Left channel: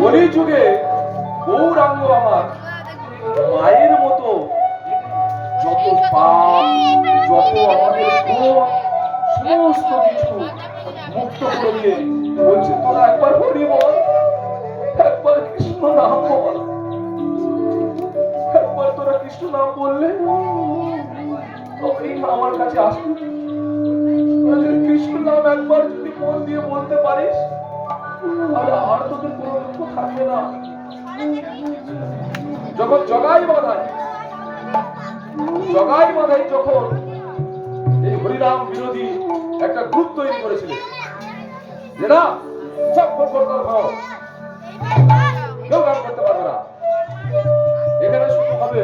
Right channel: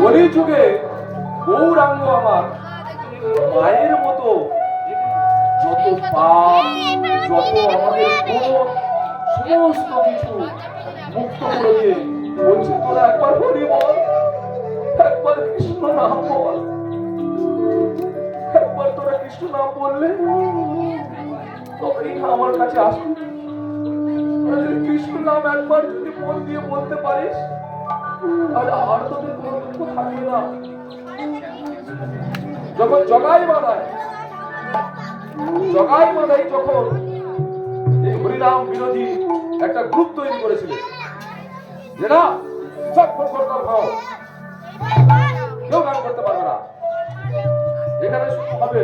কলিযুগে গৌরাঙ্গ আমার মায়ের মতো যত পাপ, যত আমাদের গুণ, সমস্ত কিছু মুক্ত করে দিয়ে বলছে তোরা একবার হরি বল, একবার কৃষ্ণ নাম বল। একবার তোরা কৃষ্ণ নাম বললে তবেই না আমার কাছে আসবে। কৃষ্ণ নাম একবার যদি মন দিয়ে বলতে পারিস তাহলে আর তোদের কোনো দুঃখ থাকবে না। যখন জগাই বাঁধায় যখন এই হরিনাম বিরোধী একটা গ্রুপ তৈরি করেছিলেন, যে না সব কর কেউ গান করতে পারবে না, এখানে শুরু হবে,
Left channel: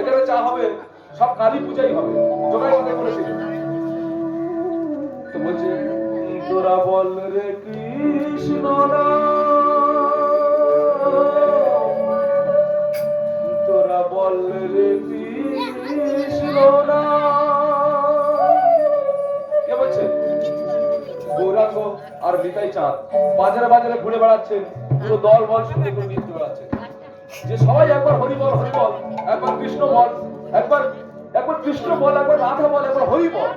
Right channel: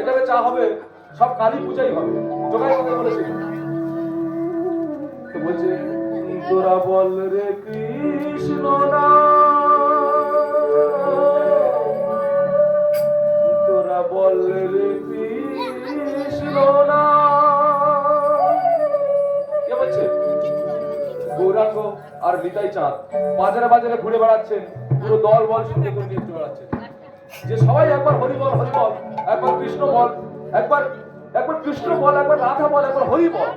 এখানে চা হবে, সব কালী পূজাই হবে, জগাই বাঁধাই বলেছিল। তো বলছে তোরা বল রে কৃষ্ণ তোরা বল রে কৃষ্ণ কে বলছে? গৌরাঙ্গ আর নিতাই চাঁদ বাজারে বাজারে ঘুরে বেড়াচ্ছেন, পুরো দল বল সঙ্গে করে নিয়ে বেড়াচ্ছেন যে সবাই একবার হরি বল, হরি বল, একবার কৃষ্ণ বল, একবার কৃষ্ণ বল, একবার রাধা বল, একবার হরি বল।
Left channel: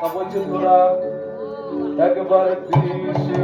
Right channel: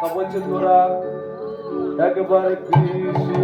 তা বলছেন তোরা একবার কৃষ্ণ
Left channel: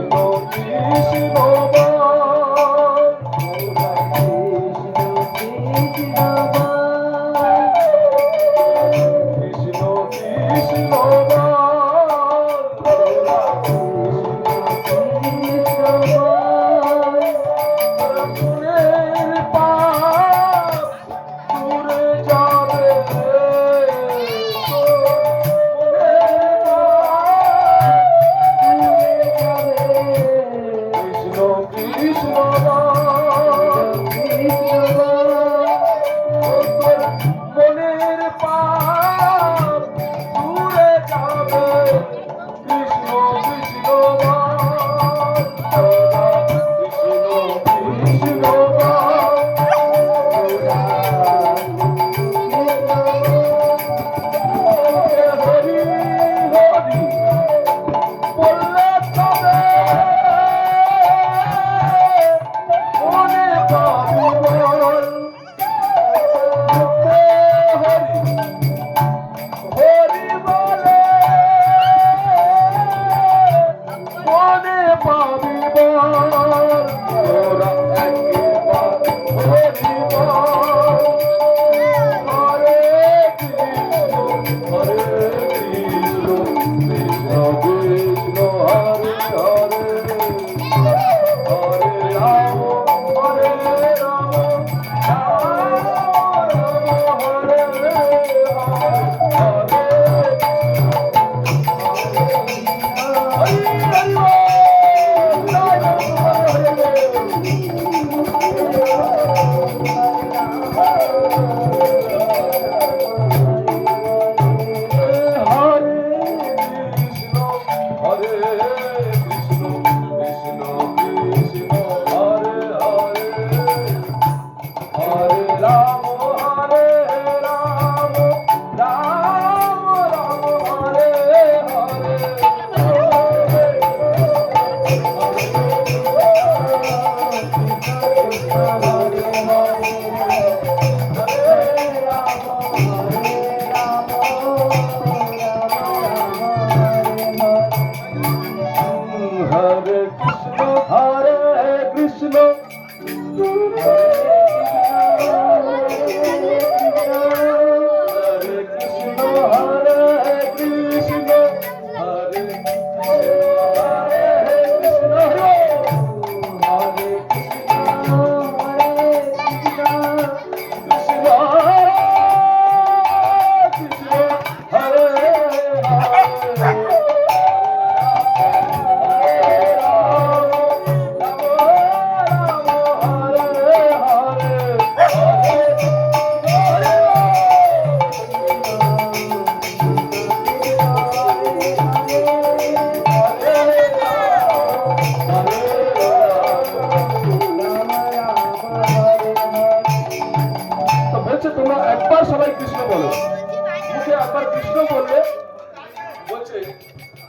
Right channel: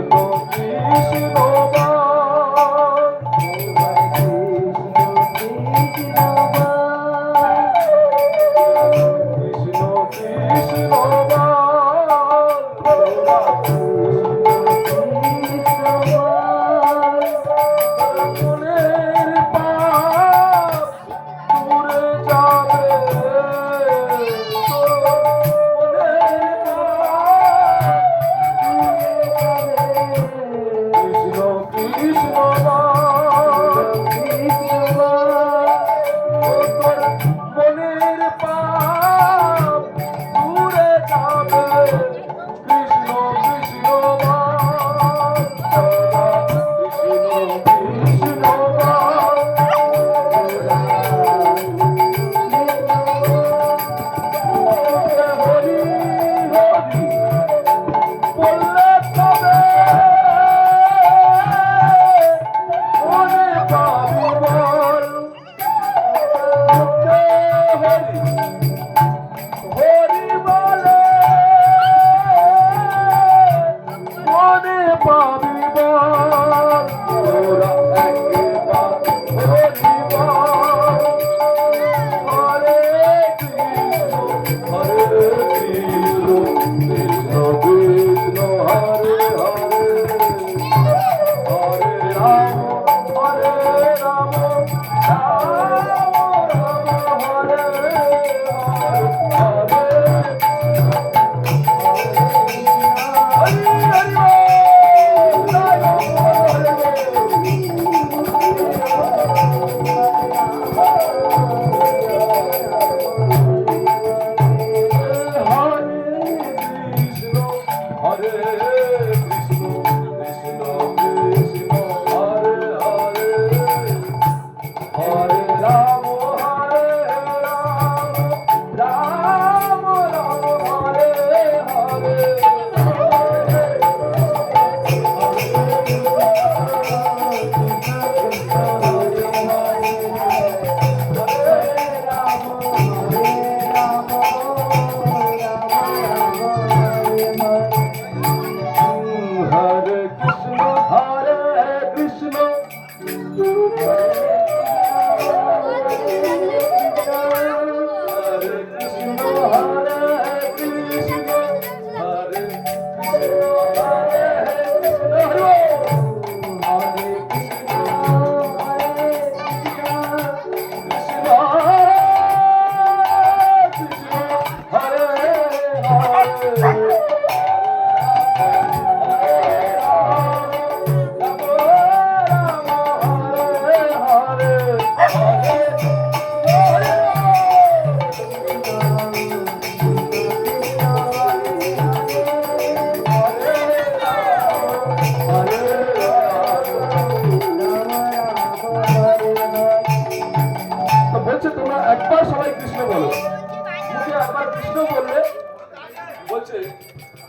কৃষ্ণ বল,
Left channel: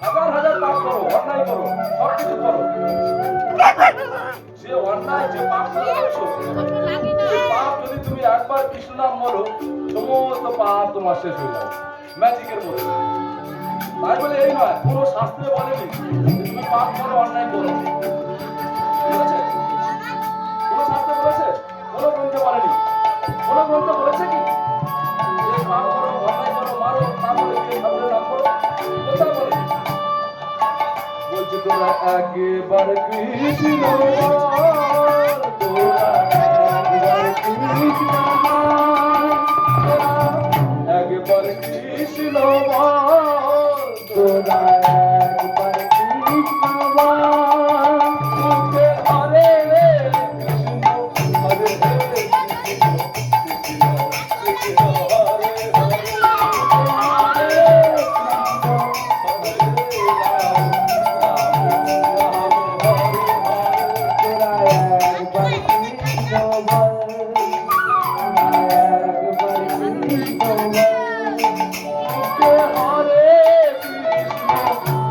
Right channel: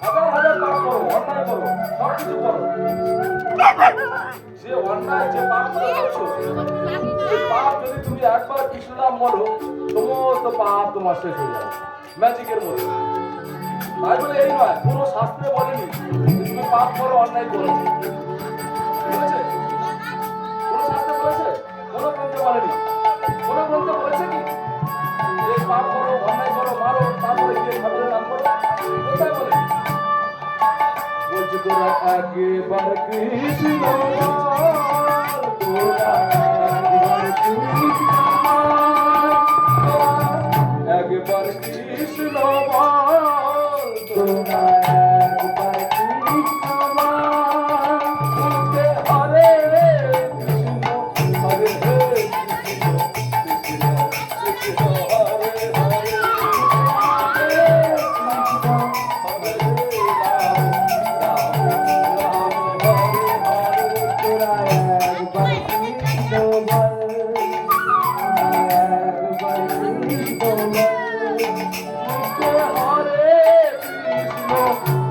হাজার হাজার পাপ করো, অন্যায় করো, সবকিছু করো, যে অন্যায় যে পাপ করছো, এই পাপ যদি তুমি একবার কৃষ্ণ নাম বলো, সমস্ত পাপ তোমার শেষ হয়ে যাবে ম্যাজিকের মতো। তাই বলে এই নয়, কোনো শাস্ত্রে বলেনি তুমি পাপ করো, অন্যায় করো, ঠিক আছে? কোনো শাস্ত্রে বলেছে? কোনো গ্রন্থে বলেনি। কোনো গ্রন্থে বলেছে কি যে পাপ করো, অন্যায় করো, মারো, তারপরে গিয়ে ঠাকুরের নাম করো? কোথায় বলেনি? বলছি তোরা একবার কৃষ্ণ বল, তোরা একবার কৃষ্ণ বল, একবার কৃষ্ণ বল, তোরা একবার কৃষ্ণ বল, তুতে হরে কৃষ্ণ, হরে Krishna, Krishna Krishna Hare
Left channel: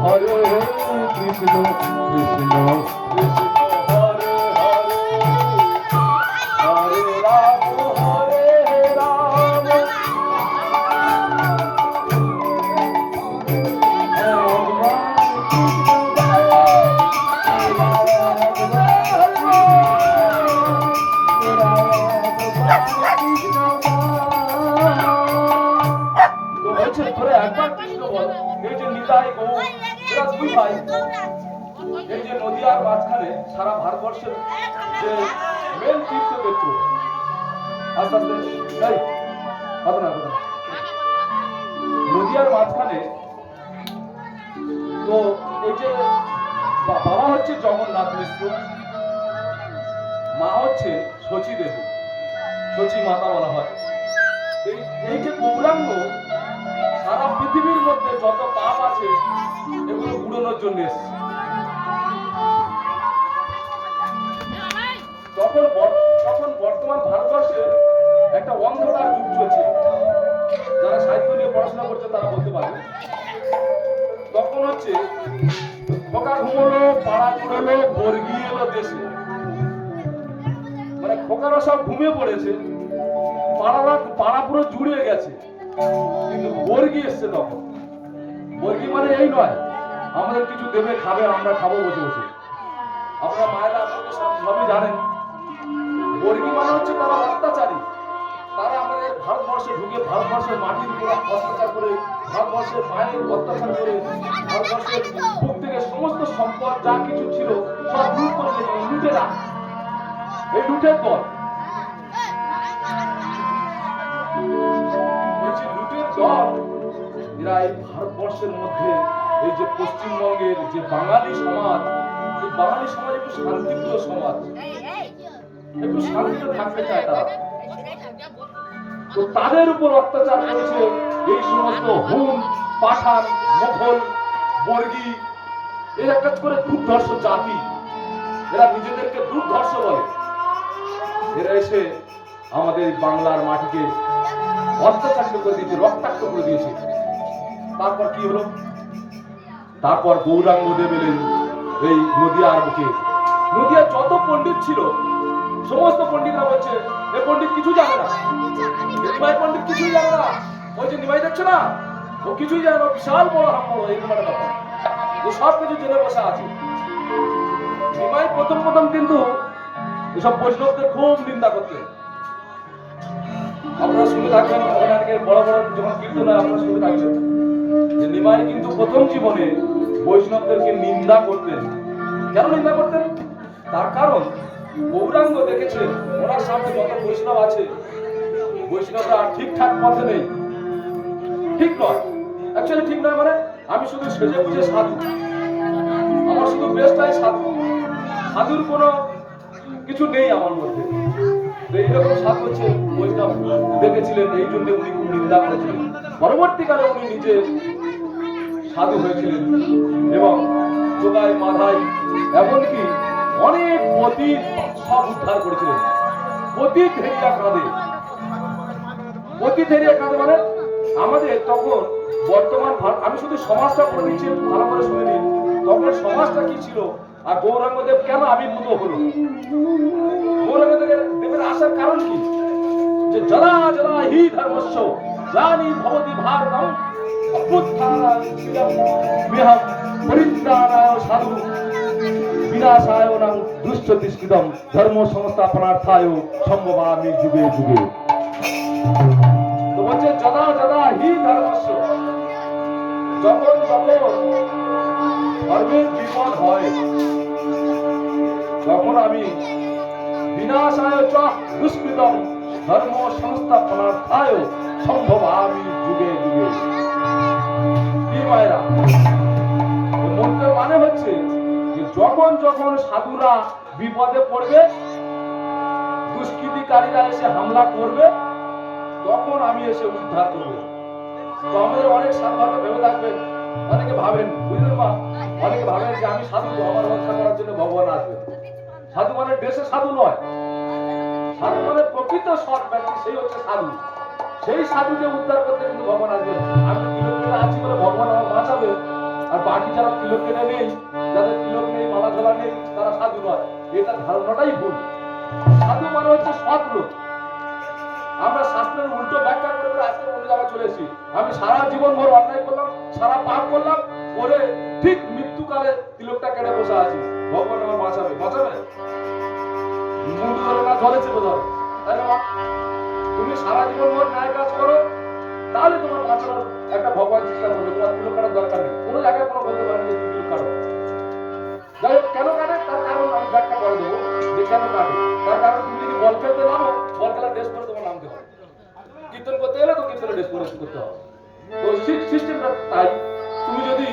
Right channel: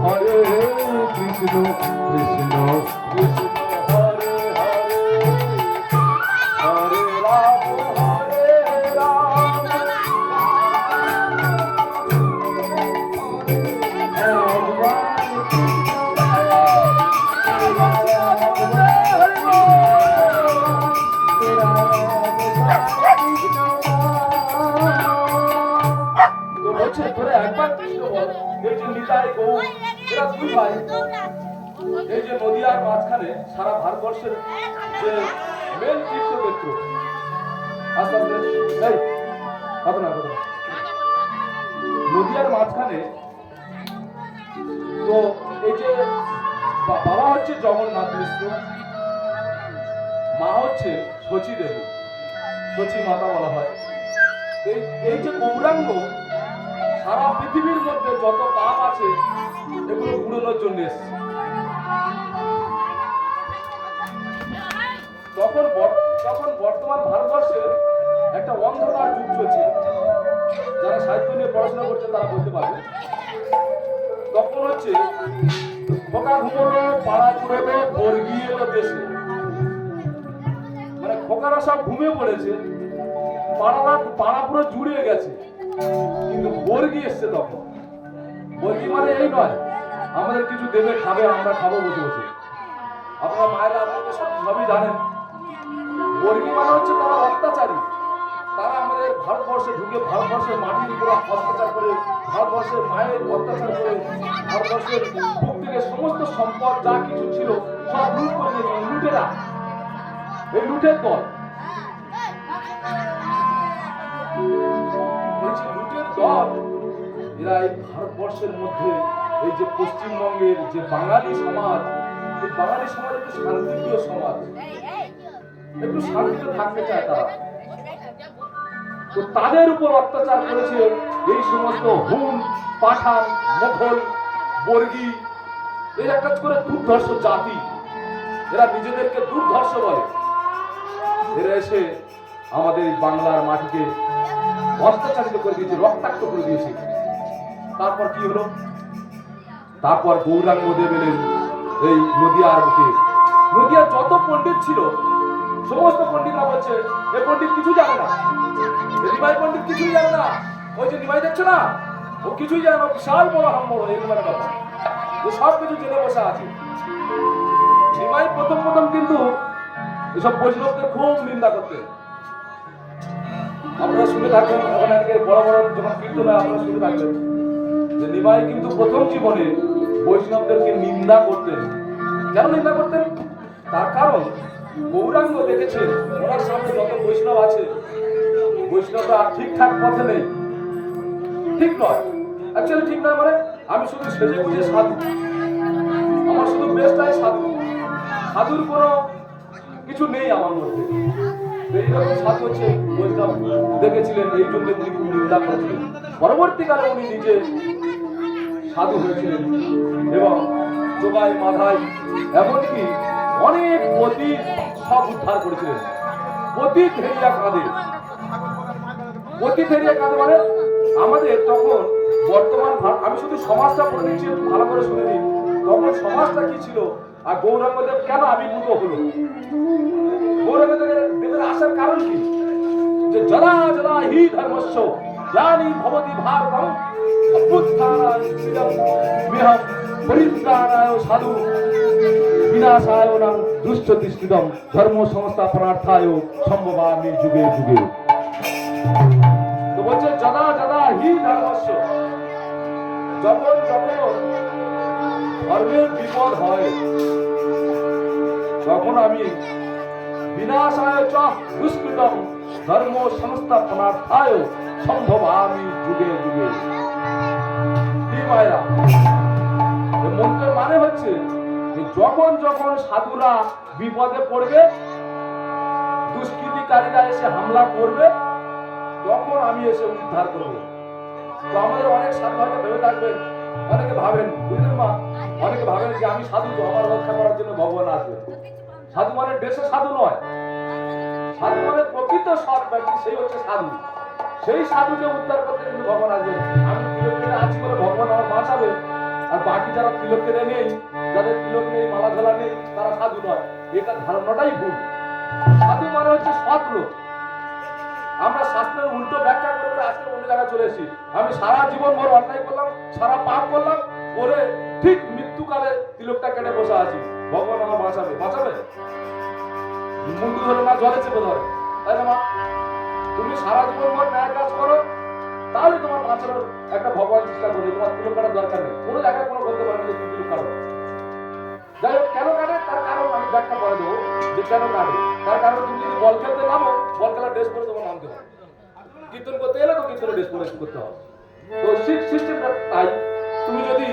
Hare, Krishna, Krishna, Krishna, Hare Hare, Hare Rama, Hare Rama, বলছে ধরে একবার কৃষ্ণ বল। এই যে নিতাই গৌ, এরা দুই ভাই, এই যে নদিয়ার মাঝখানে সারা ভারতবর্ষের যে মেন তীর্থক্ষেত্র, আস্তে আস্তে এই হবে না নদিয়ার মাঝখানে, তো এই যে বাবা হচ্ছে জগন্নাথ মিশ্র, মা হচ্ছে শচী দেবী, শচী মাতা বলা হয়। এই যে গৌরাঙ্গ সারা পৃথিবীর মধ্যে যত পাপ আছে এগুলো ঘুরানোর জন্য এসছে। তখন বর্তমান ভারতবর্ষে একটা অন্ধকার যুগ চলছে, যারা সাহিত্য নিয়ে পড়াশোনা করছে তারা বলতে পারবে। তখন হচ্ছে খোকা ঘুমোলো, পাড়া ঘুমোলো, বর্গি এলো দেশে, মানে খোকারা সব ঘুমিয়ে পড়েছে, পাড়া পুরো জুড়ে গেছে, কিন্তু বর্গি এসছে তখন। বর্গি মানে এই নয় আমাদের কিছু দেবে, খাবে, আমরা খাবো বসে বসে। আপনারা মায়েরা আপনারা তো সবই জানেন। বর্গি মানে হচ্ছে তারা অত্যাচারী, তারা আমাদের ভারতবর্ষে ঢুকে ভারতবর্ষের মাটির উপর অত্যাচার করে, ভারতবর্ষের মায়ের অত্যাচার করে, ভারতবর্ষের বুক থেকে সমস্ত সম্পদ যা কিছু ছিল সব লুট করে নিয়েছে। লুটেরা, এই লুটের দল, লুটের দল এরা এই ভারতবর্ষের মধ্যে এই যে পশ্চিমবঙ্গের যে বাঙালি সমাজ, এই বাঙালি সমাজ একটু শান্তিপ্রিয় সমাজ, একটু শান্তিতে থাকতে চায় তারা। তো তাদের উপর অত্যাচার করেছে এই সমস্ত হুন, পাঠান, মোঘল, বর্গী, এর একটা করে দুর্ধর্ষ জাতি, এরা নিজেদেরকে দুর্ধর্ষ বলে। এরা এসে আমাদের বাংলার মাটিকে অত্যাচারিত করে দিয়েছে, রক্তাক্ত করে দিয়েছে। তারপর কি হলো? তারপর গৌরাঙ্গ দেব এলেন এই নদিয়ার বুকে। নদিয়ার যত পণ্ডিত ছিল সমস্ত পণ্ডিতরা বলছে এ পণ্ডিত কিছু জানে না, নিমাই পণ্ডিত কিছুই জানে না। ওই যে নিমাই দেখছো না, ও কিছুই জানে না, বিশাল বড় হাম্বড়, এরকম একটা ব্যাপার, ও সব কিছু জেনে বসে আছে। নিমাই প্রথম কিন্তু এসব বৈষ্ণবদের খুব নিন্দা করতেন। আপনারা শুনে থাকবেন, বড় বড় যখন কীর্তন আপনারা শুনে থাকবেন যে নিমাই কিন্তু প্রথম জীবনে বৈষ্ণবদেরকে নিন্দা করতেন। কেন নিন্দা করতেন? তার কারণ গৌরাঙ্গ দেখেছেন ওনার সামনে যত বৈষ্ণব আছে, বৈষ্ণবরা ঠিকঠাক পথে নেই, ঠিক নয়। অ্যাকচুয়ালি ঠিক নয় মানে আমি শুধু সেজে বুঝে সাধু, আমার শুধু বেশটাই সাধু, সাধুর কোনো কিছু নেই আমার মধ্যে। এইরকম সাধু হচ্ছে বৈষ্ণব দেখেছিলেন, এই জন্য উনি খুব নিন্দা করেছিলেন। পরবর্তীকালে উনি নিজে সাধু হয়েছিলেন এবং যোগায় মাধায় এমনকি অনেক পতিত সব উদ্ধার করেছিলেন। পতিত হেরিয়া কাঁদে, পতিত হেরিয়া কাঁদে মানে আমাদের তখন বর্তমান, আমি শুধু সমাজটা পড়ে নিচ্ছি, একটু ভালো করে শুনে নিন। তখন সমাজটা কি ছিল? আর গৌরাঙ্গদেব কেন আবির্ভূত হলো? গৌরাঙ্গদেবের আসার কারণ কি? যে জলা জলা হি ধর্মস্য গ্লানি ভবতি ভারতম অভ্যুত্থানায় পরিত্রাণায় সাধু বিনাশায় দুশ্চতিষ্কৃতম ধর্ম সংস্থাপনার্থায় সম্ভবামি যুগে যুগে। তো বলছে যদা যদা হি ধর্মস্য, যখন যখন ধর্মের বিপদ হয় তখন আমি বিনাশায় চ দুষ্কৃতম ধর্ম সংস্থাপনার্থায় সম্ভবামি যুগে যুগে। কি মায়েরা, মন্ত্রের মানে হচ্ছে যে যখন যখন সাধুরা বিপদে পড়বে, দুষ্কৃতিকারীরা এসে হামলা করবে, তখন আমি এসে উদ্ধার করব। তো আমাদের অনেক সাধু হয়তো ভেবে থাকবেন, অনেকে ভাবেন, বুঝলেন মা, অনেকে ভাবেন যে আমি সাধু, আমার রক্ষা করার জন্য ভগবান আসবে। সাধু মানে দেশে সাধু নয়, সাধু মানে প্রকৃত সৎ ব্যক্তি, সেই হচ্ছে সাধু। সেই সাধুকে উদ্ধার করতে কিন্তু ভগবান আসবে। আমি তিলক কেটে আছি বলে ভগবান আমার বাঁচাবে, আর বাকি যারা তিলক কেটে নেই, যাদের তিলক নেই, মালা ঝোলা নেই, তারা সাধু নয়। এটা ধারণাটাই ভুল। সাধু মানে হচ্ছে সৎ লোক। আমরা শাস্ত্রের উল্টো ব্যাখ্যা করে করে আজকে অন্য জায়গায় চলে এসেছি। আমি সারা জীবন ভর অন্যায় করলাম, সারা পাপ করলাম, করে ঠিক মৃত্যুকালে তিলকটা কেটে বসে আছি, ভগবান আমার বাঁচাবে। বাঁচাবে? মুখ ধরে না জলে চেপে ধরে, তাই না মা? তুমি সারা জীবন ভর ন্যায় কাজ করো, তাহলে তোমার বাঁচানোর একটা ভগবান চেষ্টা করবে। তোমার তিলক কাটার দরকার নেই, কোনো জায়গায় কোনো বলতে পারেন যে তুমি তিলক কাটো। যাই হোক, কেন কাটে তার কারণ আমি ব্যাখ্যা করে দেবো যে কেন কাটে। তার কারণ তুমি যদি বল খেলতে নামো, বল খেলার ড্রেস পরে তোমার নামতে হবে। কীর্তন করতে এলে তো কীর্তনের ড্রেস পরে করতে হবে। তো সিস্টেমটা তাই। তুমি যদি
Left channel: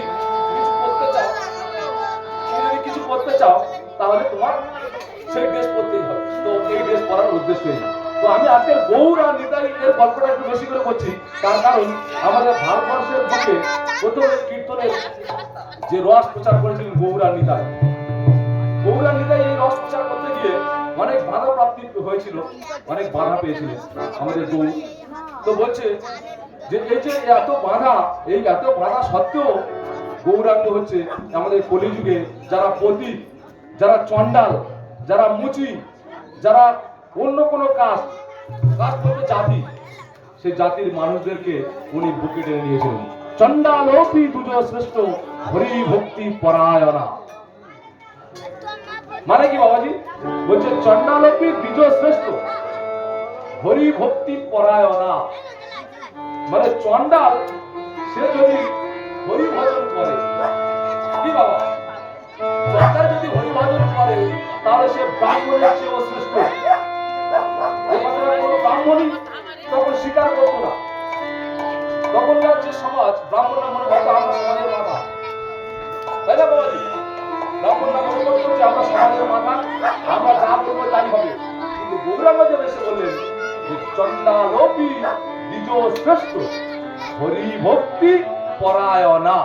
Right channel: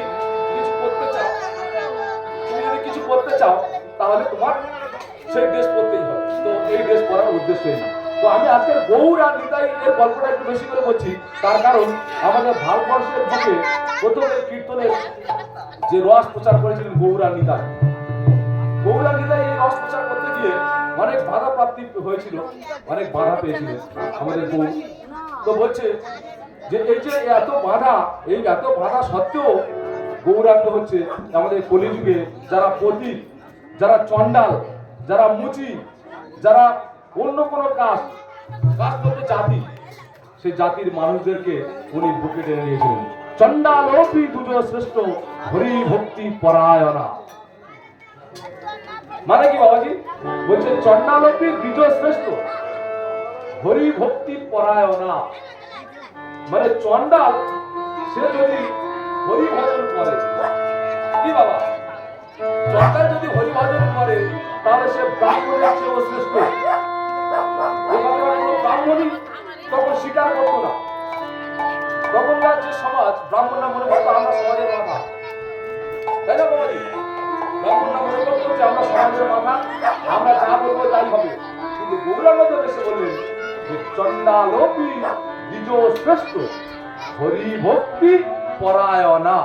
কিছু করতে চাও, তাহলে তোমার সেই ড্রেস পরতেই হবে। তো এই ড্রেস পরার উদ্দেশ্য এই। তো আমি আজকে গৌর আর নিতাই এর গল্পটা একটু বেশি করে বলছি, তার কারণ আমাদের ভারতবর্ষের বুকে প্রথমে কীর্তনের যে রস প্রচার করেছিলেন গৌর আর নিতাই। গৌর আর নিতাই এই রস প্রচার করতে গিয়ে অনেক বাধা প্রাপ্তি হয়েছিল, অনেক বাধা পেয়েছিলেন আমাদের গৌর। তো বলছে যে এই যে এত বাধা সত্ত্বেও গৌরাঙ্গ হচ্ছে আমাদের কলিযুগে যারা পতি, যারা চণ্ডাল, যারা মুচি, যারা অন্য কোনো কাজ করতে জাতি, সেই জাতির মানুষদেরকে উনি বুকে টেনে নিয়েছিলেন। চণ্ডালোপি দুজ শ্রেষ্ঠ হরি ভক্তি পরায়ণা। মানে কি বাবাজি? বলছে চণ্ডালোপি দ্বিজ শ্রেষ্ঠ হরি ভক্তি পরায়ণা। মানে চণ্ডাল সে যদি হরি ভজন করে, কি বাবা, চণ্ডাল যদি হরি ভজন করে তাহলে সে ব্রাহ্মণের চেয়েও শ্রেষ্ঠ। ব্রাহ্মণই তখন স্বীকার করতো না। তখনকার যে সমাজ, ব্রাহ্মণরা মনে করতো আমরা সমাজের মাথা, তাই না বাবাজি? ব্রাহ্মণরা মনে করতো যে আমরা সমাজের মাথা, আমরা যা বলবো তাই হবে। কিন্তু গৌরাঙ্গদেব এসে বললেন যে চণ্ডালোপি দ্বিজ শ্রেষ্ঠ হরি ভক্তি পরায়ণা।